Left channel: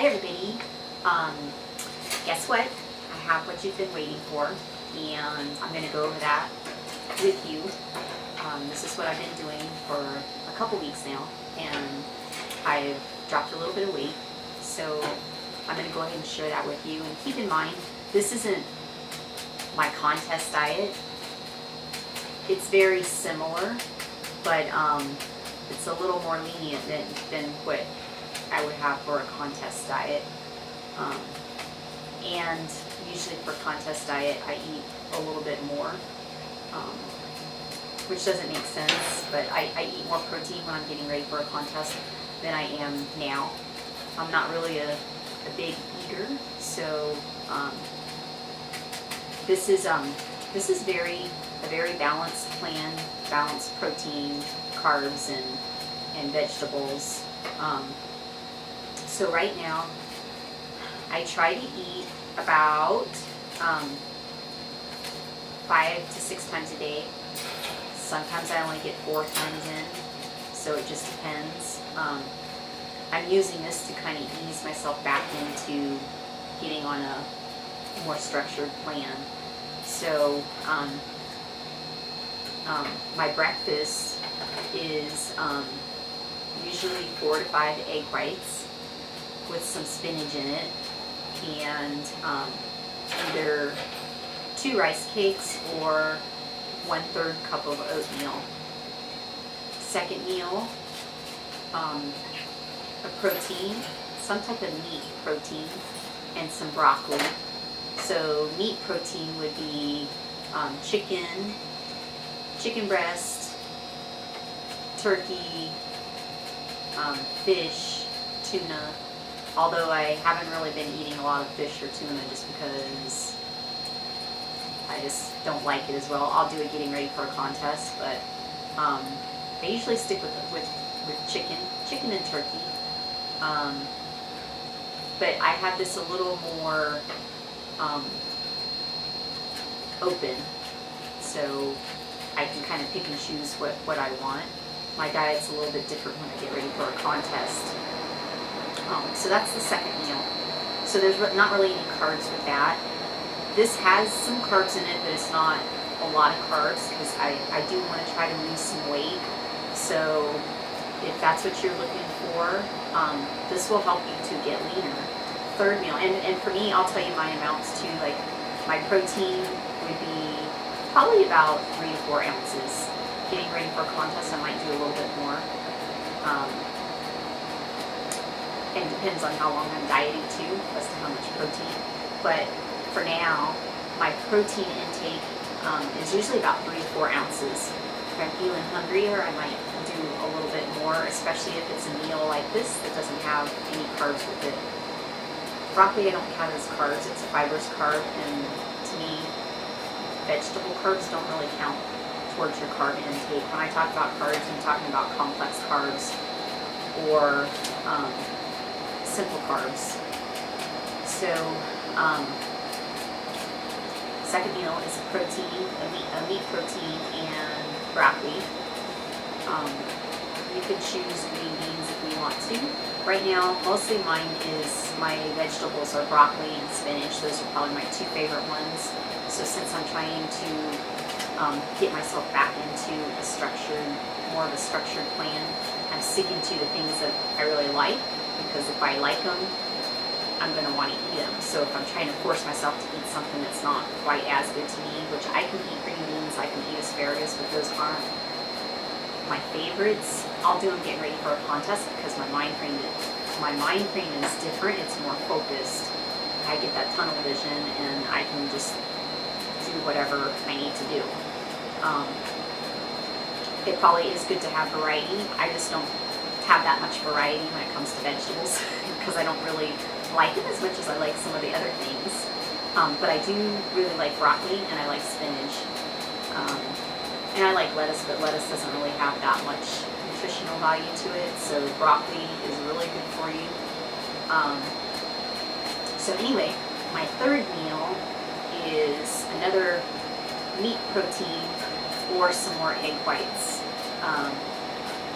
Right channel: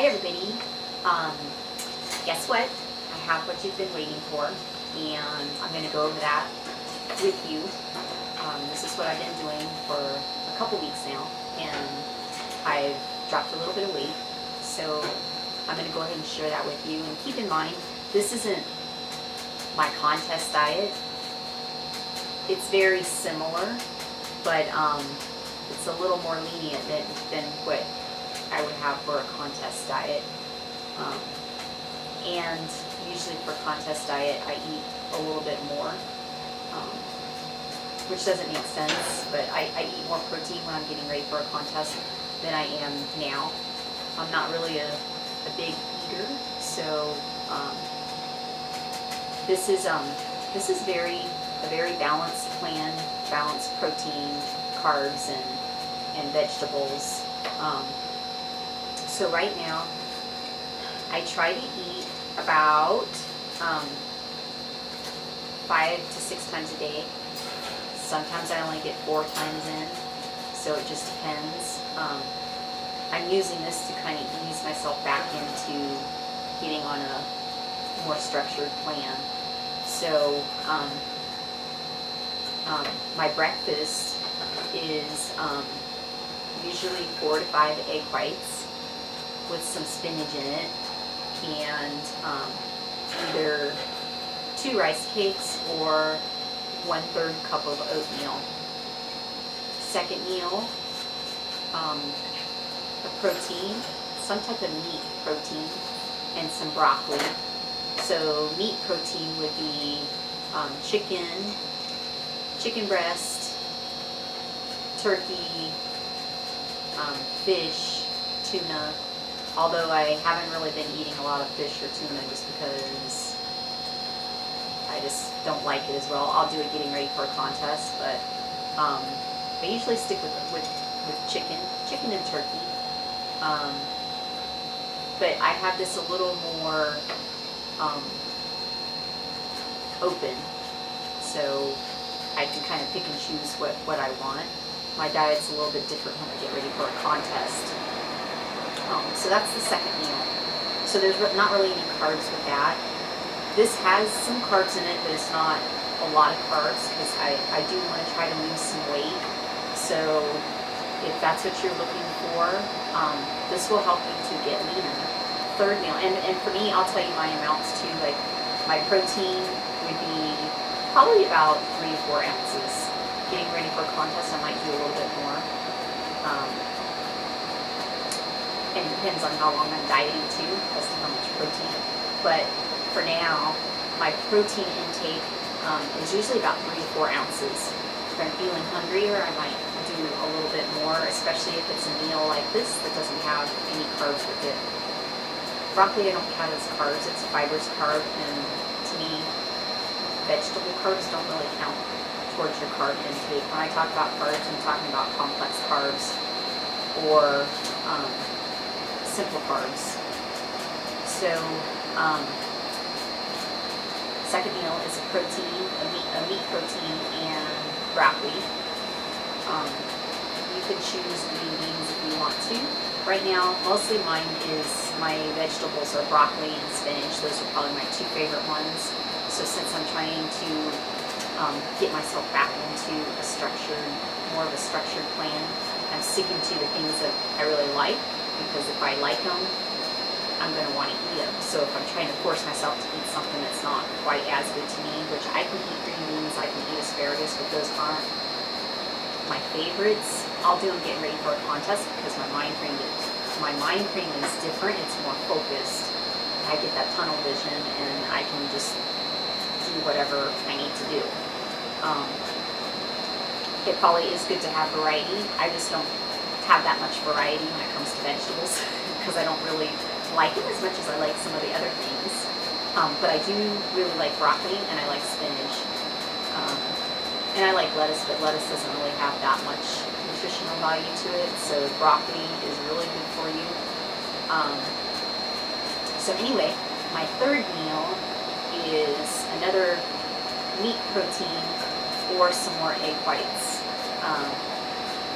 Hi everybody. Guess what? I have what you've been waiting for, and I'm going to go over that with you. This is what I've been doing for a couple weeks now, and I've dropped a little bit of weight, so I'm going to go ahead and share that with you. And keep in mind, this isn't my contest diet. It's very similar, but it's a little more lenient than what I would have for a contest diet. And usually for contest diet, I eat a little bit more, which doesn't make sense, but I eat more protein when I'm getting ready for a contest than I am now. I'm not really a big eater, so this is a very balanced plan, balanced protein, carbs, and vegetables. So right now, I try to eat about 5 to 6 times a day. Sometimes I only get 4 times in, so it just depends. I'm using this to kind of ease myself back into getting on a more structured plan. So my breakfast is usually 4 to 5 egg whites with some spinach in it, and either 2 rice cakes or 1/3 cup of oatmeal. Second meal, a protein, some type of meat protein, and some broccoli. So meat protein would be chicken breast, turkey, fish, tuna. Although I haven't really been eating a lot of fish or tuna just because I just don't like it as well. I'll do it getting ready for a contest, but I usually stick with chicken and turkey. But I have this a little more open, so I can kind of pick and choose what I want. My diet's a little bit different when I get ready for a contest. So that's the second meal. So there's not really any carbs with that. This has some carbs in it, but it's not a lot of carbs because I do want to try to lose some weight. So if that's what you're looking for, this will help you to get leaner. Third meal, and for me, I'll tell you my amounts too. Like my protein would be probably about 3 to 4 ounces. Getting ready for a contest, I might do a little bit more. And depends on how long I'm dieting too, as to how much protein. But for now, my protein intake is usually about 3 to 4 ounces. If I'm feeling hungrier, I might do a little bit more, especially if it's a meal like this that doesn't have any carbs with it. Broccoli I don't count as carbs, it's a fibrous carb, and to me, vegetable carbs don't really count towards your carb intake. When I talk about carbs, I'm talking about complex carbs or simple carbs. So second meal is a protein, a meat protein, and broccoli. You could choose green beans if you want to. Right now, mostly mine is, my vegetables are broccoli and spinach. Those are probably my 2 favorite ones. So since I'm trying to get myself back into more of a structured plan, I'm sticking to the things that I really like, because if I like them, I'm going to want to eat them. So if I'm trying to force myself to eat something that's not quite as good to me, which I can eat green beans, I can eat asparagus, but those aren't my favorites. I'll do them getting ready for a contest because my mind frame is different. It's more focused. I get that tunnel vision and I can just do whatever I need to do. It probably is good to have variety. I just don't have that much variety when it comes to vegetables because I don't really like it as much as I like some of the other things. But I do really like broccoli, and I like spinach. And I like lettuce, but lettuce doesn't really have that much nutritional value to it, so broccoli is really good for you. So anyway, my third meal is another meat protein or some more egg whites,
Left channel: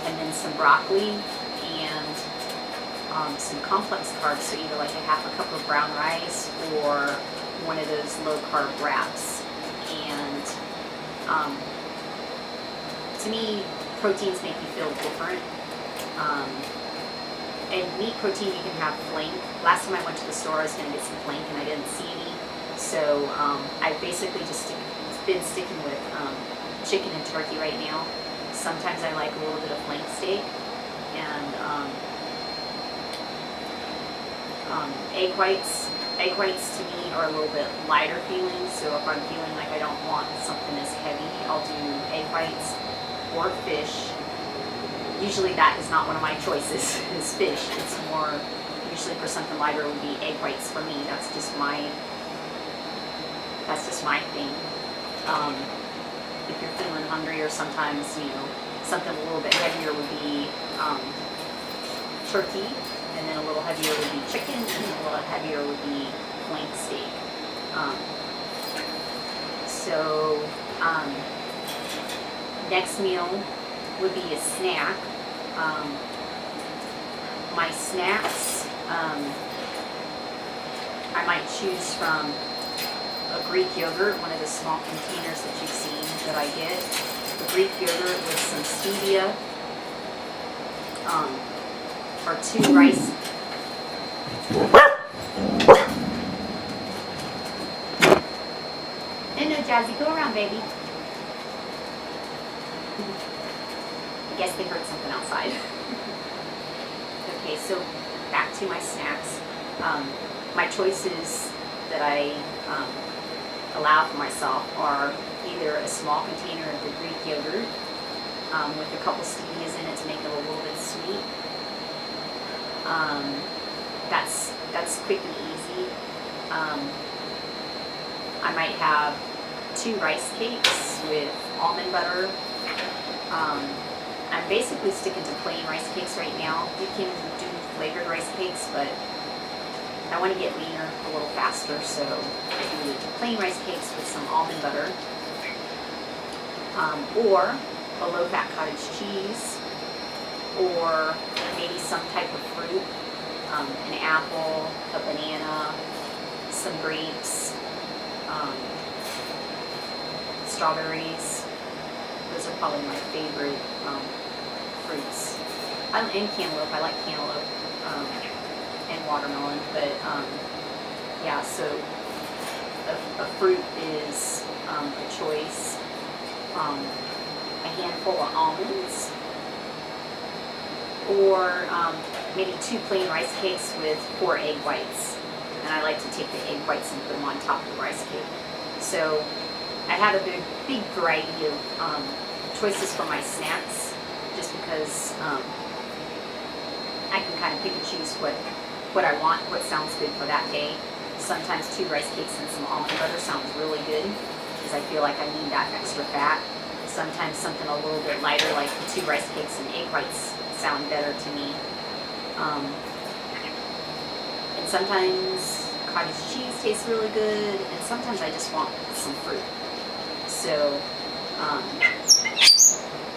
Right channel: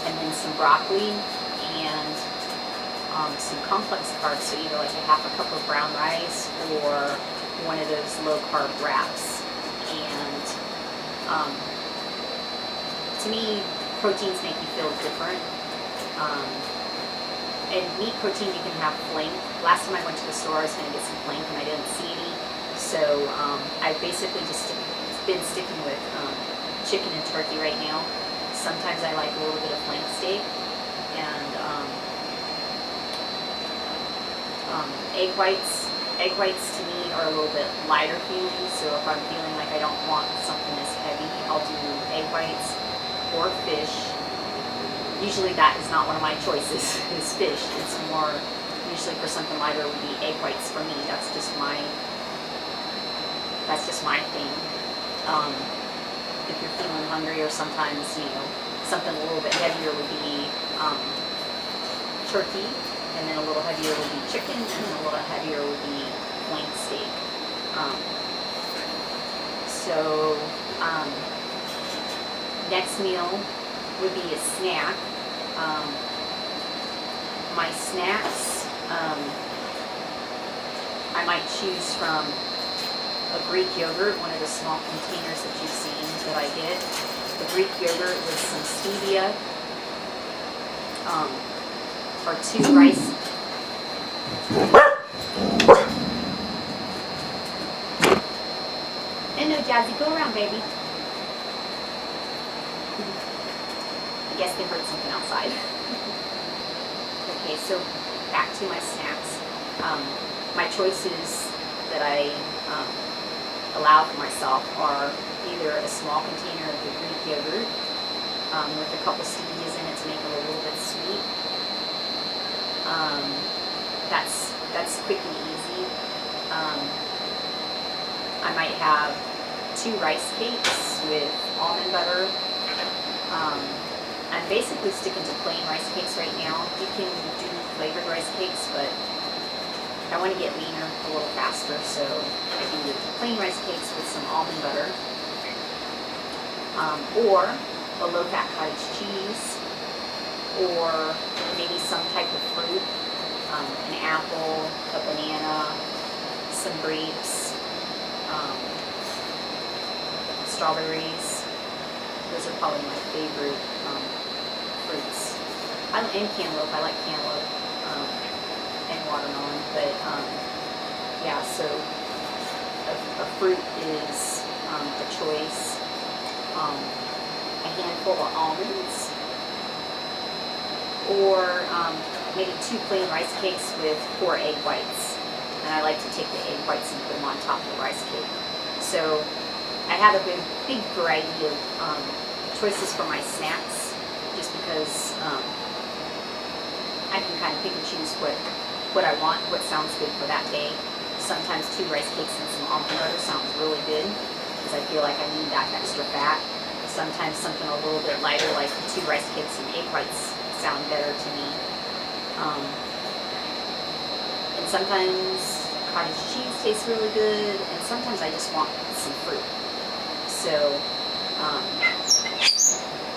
and then some broccoli and some complex carbs, so either like a half a cup of brown rice or one of those low carb wraps. And to me, proteins make you feel different. And meat protein, you can have flank. Last time I went to the store, I was going to get some flank and I didn't see any. So I basically just been sticking with chicken and turkey right now. Sometimes I like a little bit of flank steak. And egg whites. Egg whites to me are a little bit lighter feeling. So if I'm feeling like I don't want something as heavy, I'll do egg whites or fish. Usually that is not one of my choices, is fish. It's more, usually for something lighter would be egg whites for me. That's just my thing. If you're feeling hungry, or sometimes, you know, something a little bit heavier would be turkey, and then a little heavier would be chicken, and then a little heavier would be flank steak. Next meal would be a snack. My snacks, I might choose from a Greek yogurt, one of the small containers that you've seen that I get. A Greek yogurt with some stevia, or 2 rice. And no, Jazzy, go around, baby. I guess they heard something outside. Okay, so back to my snacks. My choices that I allow for myself are either a small container of the Greek yogurt with a couple stevias in it to make it a little bit sweet. That's quick and easy. I might have 2 rice cakes with almond butter. I'm basically sticking to plain rice cakes right now. You can do flavored rice cakes, but I want to get leaner a little faster, so I do the plain rice cakes with some almond butter, or a low-fat cottage cheese, or maybe some type of fruit, an apple, a banana, some grapes, strawberries. Those are probably my favorite fruits. And cantaloupe. I like cantaloupe and watermelon. But yeah, so a fruit is a choice. A handful of almonds, or maybe 2 plain rice cakes with 4 egg whites. And I like to take the egg whites and put them on top of the rice cake. So I have a big variety of choices for my snacks, just because I can kind of pick and choose what I want, what sounds good for that day. Sometimes 2 rice cakes and some almond butter sounds really good, because I feel like I need that extra fat. Sometimes something a little bit lighter, like 2 rice cakes and egg whites, sound better to me. And sometimes cottage cheese tastes really good, and sometimes I just want some fruit. So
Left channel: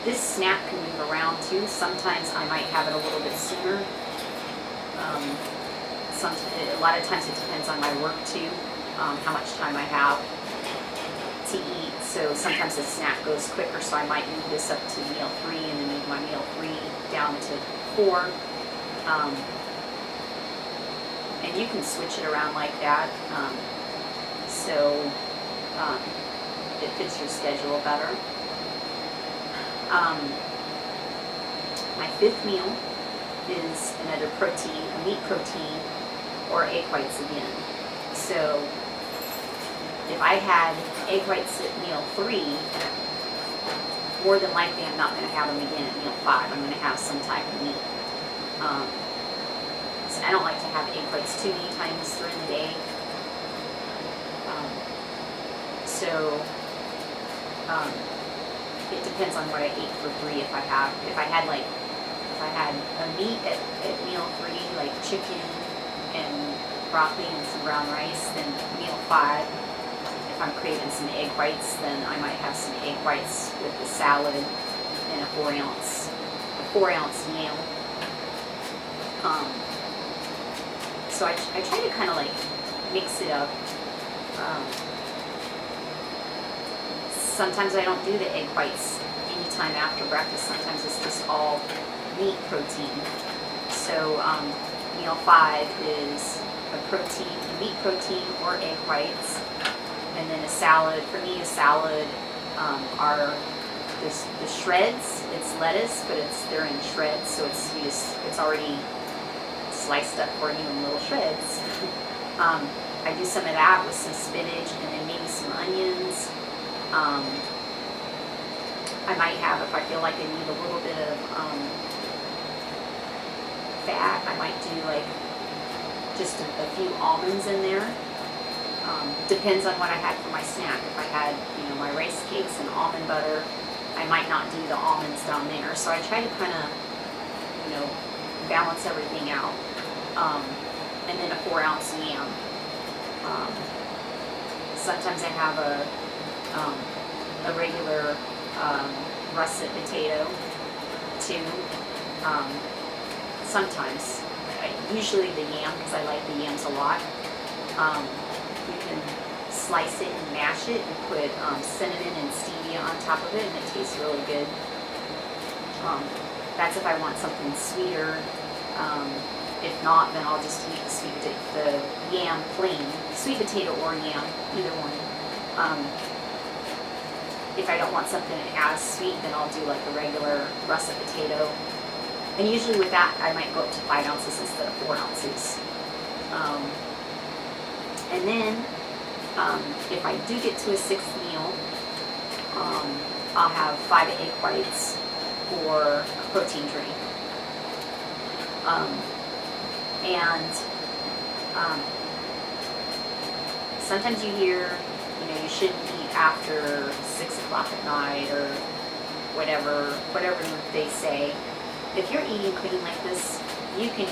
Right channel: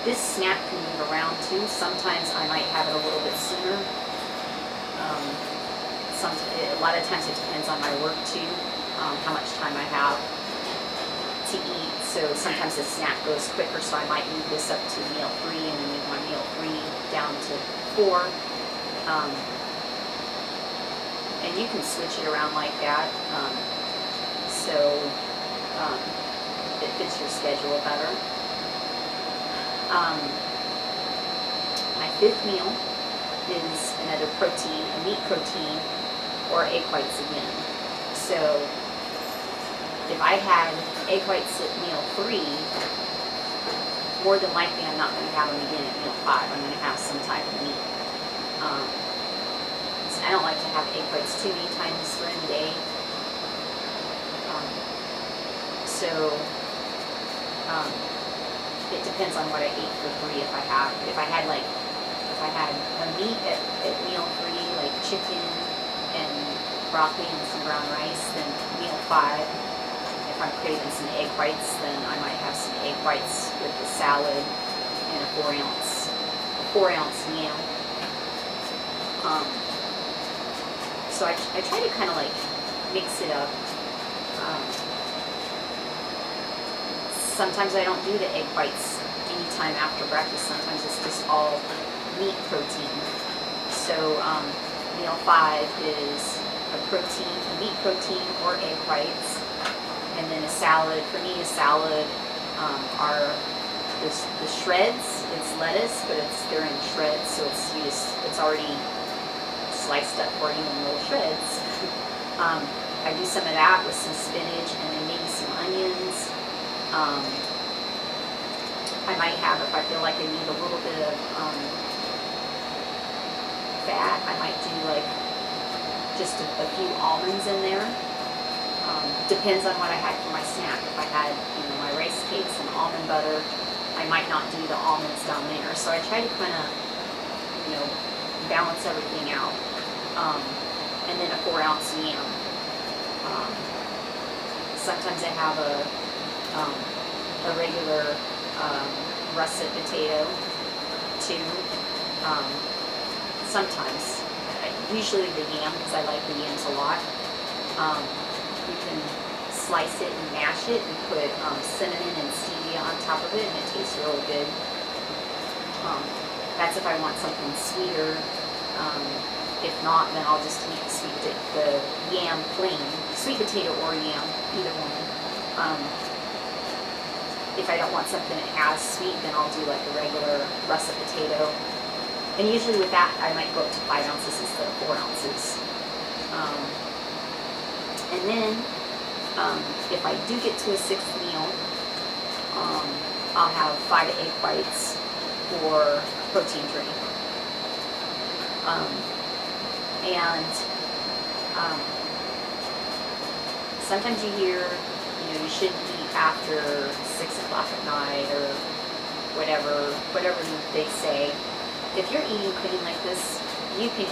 this snack can move around too. Sometimes I might have it a little bit sooner. A lot of times it depends on my work too, how much time I have to eat. So sometimes the snack goes quicker, so I might move this up to meal 3 and then move my meal 3 down to 4. And you can switch it around like that, so it fits your schedule better. My 5th meal is another protein, a meat protein, or egg whites again. So if I had egg whites at meal 3, more than likely I'm not going to have them again at meal 5. I'm going to have some type of meat. So I don't like to have egg whites too many times during the day. It depends on what I ate for 3. If I had a meat at meal 3, like chicken and broccoli and some brown rice, then meal 5, if I'm craving some egg whites, then I might have some egg whites with the salad and a 4 ounce yam. So I try to kind of like mix it up. Sometimes I don't do the egg whites anytime after breakfast. Sometimes it's just all meat protein. So meal 5 is a meat protein or egg whites, and then a salad. For me, a salad are the shreds. It's lettuce, but they're in shreds, so it's already sliced up for you in little shreds. I do some of that with some spinach and then maybe some onions. I might have, if I feel like I need a little bit of fat, I might do like just a few almonds in there. Depends on what I had for my snack. If I had, my rice cakes and almond butter, I might not do the almonds down there. So I try to kind of, balance everything out. And then a 4-ounce yam. Sometimes I have a regular russet potato too. Sometimes, usually the yam, because I like the yams a lot. You can slice it and mash it and put cinnamon and stevia on top of it, and it tastes really good. That's if I want something sweeter. If not, then I'll just eat the yam plain, sweet potato or yam, either one. If I don't want something as sweet, then I'll do like a regular russet potato. And usually with that, I might go up to 5 ounces instead of 4 ounces. And then, if I do get to a 6th meal, I'll have 5 egg whites or a protein drink. Sometimes you hear, you shouldn't eat after 6 o'clock at night or whatever they say. If you're eating clean like this, you can